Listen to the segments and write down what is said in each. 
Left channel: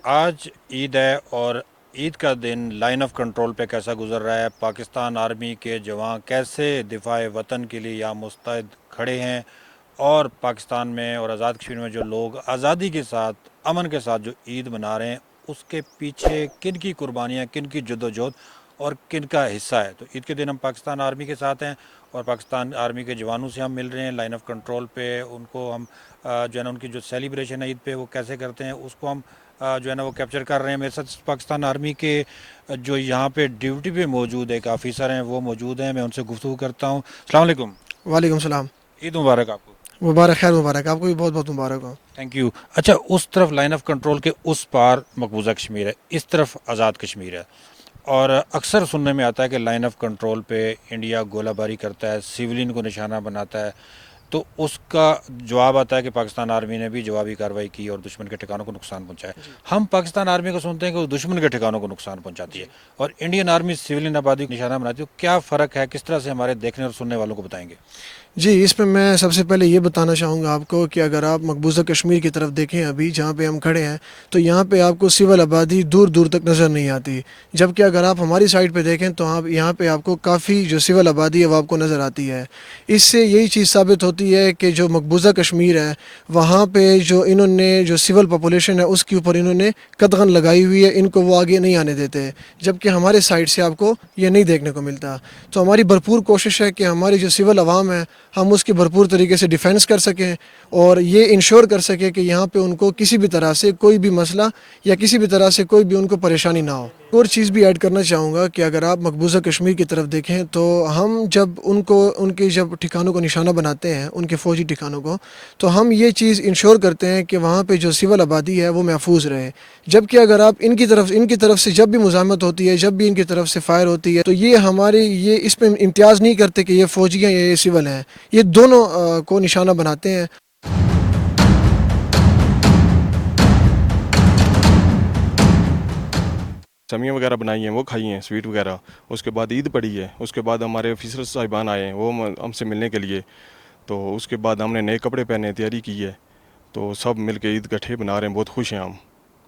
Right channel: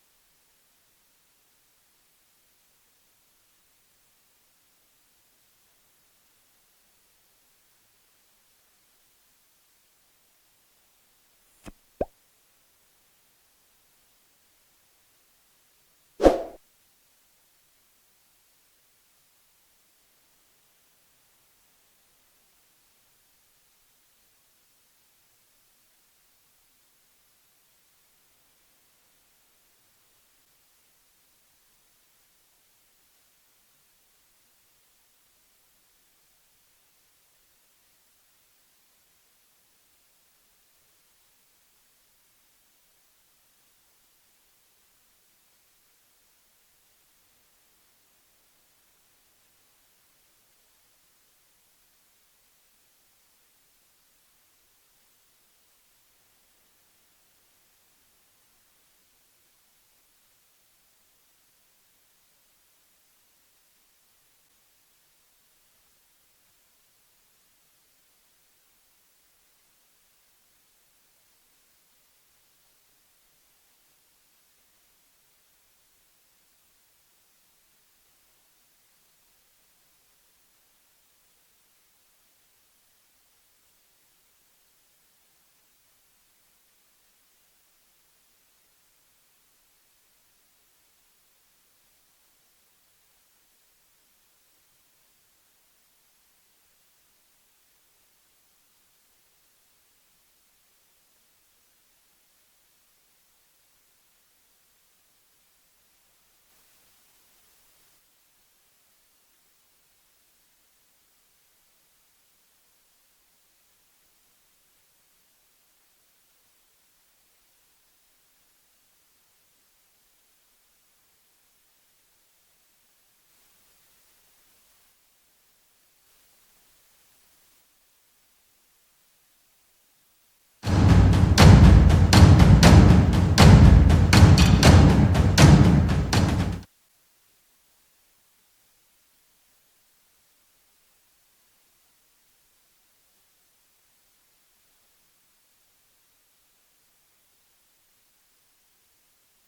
आज ईद है और ईद का दिन लाइन ऑफ कंट्रोल पे कैसा गुजर रहा है। पाकिस्तान आर्मी के जवान कैसे दिफाए वतन के लिए यहाँ मुस्तैद खड़े हैं और पाकिस्तान में और आज़ाद कश्मीर में जो लोग आज़ादी के साथ अमन के साथ जो ईद मना रहे हैं उसके पीछे किन की कुर्बानियाँ, किन की जद्दोजहद और किन का हिस्सा है। तो ईद के दिन हम पाकिस्तान आर्मी के साथ हैं और पाकिस्तान आर्मी के जवानों से हम मिल रहे हैं लाइन ऑफ कंट्रोल पे। उनको हम जो है ना उनकी जो सेलिब्रेशन है ईद पे वो कैसे करते हैं उसको हम जो है ना वो कैप्चर कर रहे हैं। मेरे साथ पाकिस्तान आर्मी के जो यहाँ पे ड्यूटी पे मौजूद एक ऑफिसर हैं वो मौजूद हैं, मैं उनसे गुफ्तगू करता हूँ। अस्सलाम वालेकुम। वालेकुम सलाम। ईद मुबारक आपको। मुबारक, खैर मुबारक, आपको भी बहुत बहुत मुबारक हो। Thank you. अच्छा, उस तरफ लाइन ऑफ कंट्रोल के उस पार मकबूजा कश्मीर है, इस तरफ आज़ाद कश्मीर है और अक्सर सुनने में आता है कि लाइन ऑफ कंट्रोल पे इंडिया गोलाबारी करता है, सिविलियन को निशाना बनाता है। तो उसका जवाब आता है कि पाकिस्तान आर्मी ने भी जवाबी कार्रवाई की और दुश्मन के ठिकानों को नुकसान पहुंचाया। हम पाकिस्तान आर्मी को सुनते हैं कि वो दुश्मन के ठिकानों को नुकसान पहुंचाती है और इंडियन आर्मी सिविलियन आबादी को निशाना बनाती है। तो क्या फ़र्क है, किस तरह से हमारे देखने और सुनने वालों को बताएंगे। जी, इस पे मैं सबसे पहले ये बताना चाहूँगा आपको कि अगर आप मकबूज़ा कश्मीर की तरफ देखें, अभी जहाँ पे हम खड़े हैं, तो यहाँ पे आपको सिविल आबादी दूर दूर तक नज़र नहीं आती। जबकि अगर आप हमारी साइड पे देखें तो आप यहाँ पे आपको काफ़ी जो सिविल आबादी है वो आपको नज़र आती है। इससे यही चीज़ साबित होती है कि जो मकबूज़ा कश्मीर है, वहाँ पे जो इन्होंने जो सिविल पॉपुलेशन है उसके ऊपर इन्होंने कदगन लगाई हुई है, इनको वो आगे नहीं आने देते। जबकि हमारे साइड से आपको ये नहीं देखने को मिलता। तो हमारी भरपूर कोशिश है कि हमारी जो सिविल आवाम है हम उसकी भरपूर तरीके से डिफेंस कर सकें और ये इंश्योर कर सकें कि यहाँ पे उनको किसी भी तरह से कोई भी मसला या किसी भी तरह से कोई भी उनको परेशानी ना हो। और चीज़ भी ऐड करना चाहूँगा कि अगर आप मकबूजा कश्मीर की तरफ देखें तो हम जब उनको उनके जब ठिकानों को निशाना बनाते हैं, उनके फ़ौजी ठिकानों को, तो हम ये चीज़ इंश्योर करते हैं कि वहाँ पे जो सिविल आबादी है वो महफूज रहे। जबकि अगर आप इनकी तरफ से जब भी मुज़ाहमत होती है, जब भी इनकी तरफ से फायर होती है, तो ये हमारे ये इस पे इम्तियाज़ नहीं करते कि ये फ़ौजी हैं या ये सिविल हैं, ये दोनों को निशाना बनाते हैं। समियाँ वगैरह बनाई हैं वो खाई हैं, स्वीट वगैरह। उसके बाद ईद पड़ी है, उसके बाद हमारे ऑफिसर साहिबान आए हैं वो हमसे मिलने के लिए। तो उसके बाद हमने नए कपड़े पहने, तैयारी की है। तो सब मिल के ईद इकट्ठे बना रहे हैं, बहुत खुश हैं हम।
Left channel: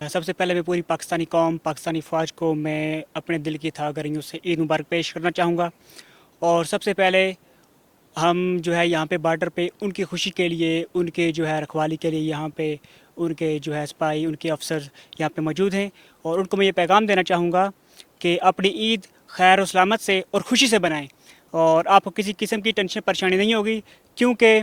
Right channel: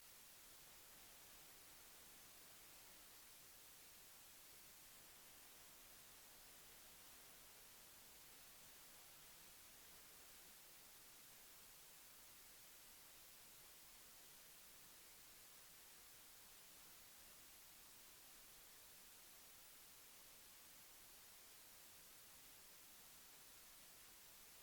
सबसे पहले मैं पूरी पाकिस्तानी कौम, पाकिस्तानी फ़ौज को मैं अपने दिल की थागरियों से ईद मुबारक पेश करना चाहूँगा। और सबसे पहले हम जो है यहाँ पे बॉर्डर पे उनकी खुशी के लिए, उनके जो है रखवाली के लिए यहाँ पे उनके जो है सिपाही, उनके अफसर यहाँ पे मौजूद हैं। और उनको मैं ये पैगाम देना चाहूँगा कि अपनी ईद खैर और सलामत से और ख़ुशी से बनाएं और आपको किसी किस्म की टेंशन परेशानी नहीं होगी, क्योंकि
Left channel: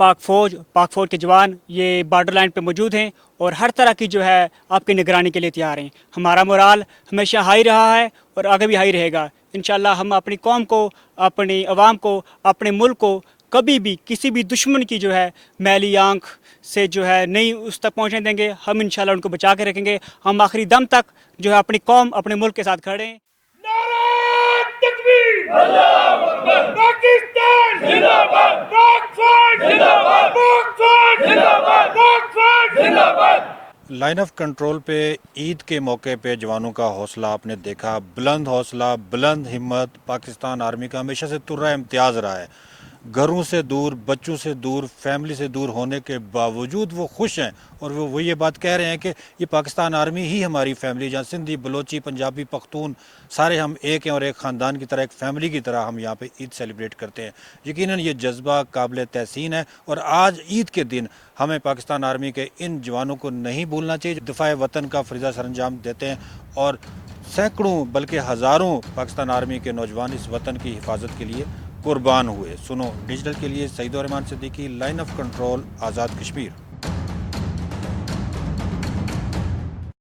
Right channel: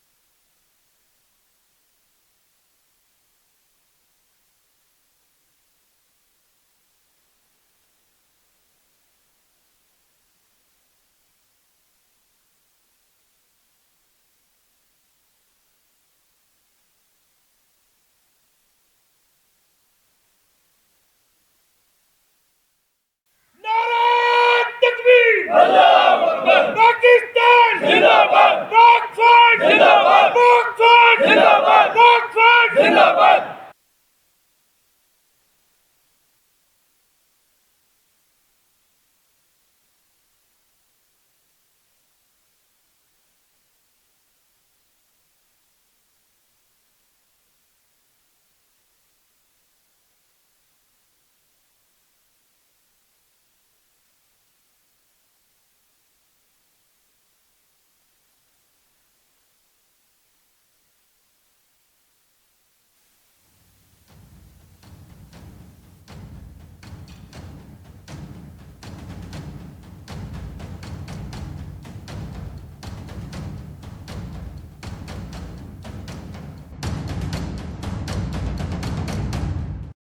पाक फ़ौज के जवान ये बॉर्डर लाइन पे मौजूद हैं और हर तरह की जो है आपकी निगरानी के लिए तैयार हैं। हमारा मोराल हमेशा हाई रहा है और आगे भी हाई रहेगा। इंशाल्लाह हम अपनी कौम को, अपनी आवाम को, अपने मुल्क को कभी भी किसी भी दुश्मन की जो है मैली आंख से जो है नहीं उस तक पहुँचने देंगे। हम इंशाल्लाह उनको बचा के रखेंगे। हम आखिरी दम तक जो है अपनी कौम, अपने मुल्क के साथ खड़े हैं। नारा तकबीर, अल्लाहू अकबर, पाकिस्तान जिंदाबाद, पाक फौज जिंदाबाद, पाक फौज जिंदाबाद, पाक फौज जिंदाबाद। लाइन ऑफ कंट्रोल पे ईद के मौके पे जवानों का हौसला आपने देखा, बुलंद हौसला, बुलंद हिम्मत। पाकिस्तान आर्मी का हमेशा से तुर्रा इम्तियाज़ रहा है। घरों से दूर, बच्चों से दूर, फैमिली से दूर होने के बावजूद वो खुश हैं और वो ये बात कह रहे हैं कि ये पाकिस्तान आर्मी ही हमारी फैमिली, जहाँ सिंधी, बलोची, पंजाबी, पख्तून सारे हम एक हैं और एक ख़ानदान की तरह, एक फैमिली की तरह हम यहाँ पे ईद सेलिब्रेट करते हैं। यकीनन ये जज्बा काबिल तहसीन है और आज ईद के दिन हमें पाकिस्तान आर्मी के इन जवानों को नहीं भूलना चाहिए जो दिफाए वतन का फरीज़ा सरंजाम देते हैं। और सैकड़ों बल्कि हज़ारों पाकिस्तान आर्मी के नौजवान इस वतन की हिफाजत के लिए कुर्बान हुए। सुनो डिजिटल के लिए सईद और Rahman Siddiqui, line of control, Azad Kashmir.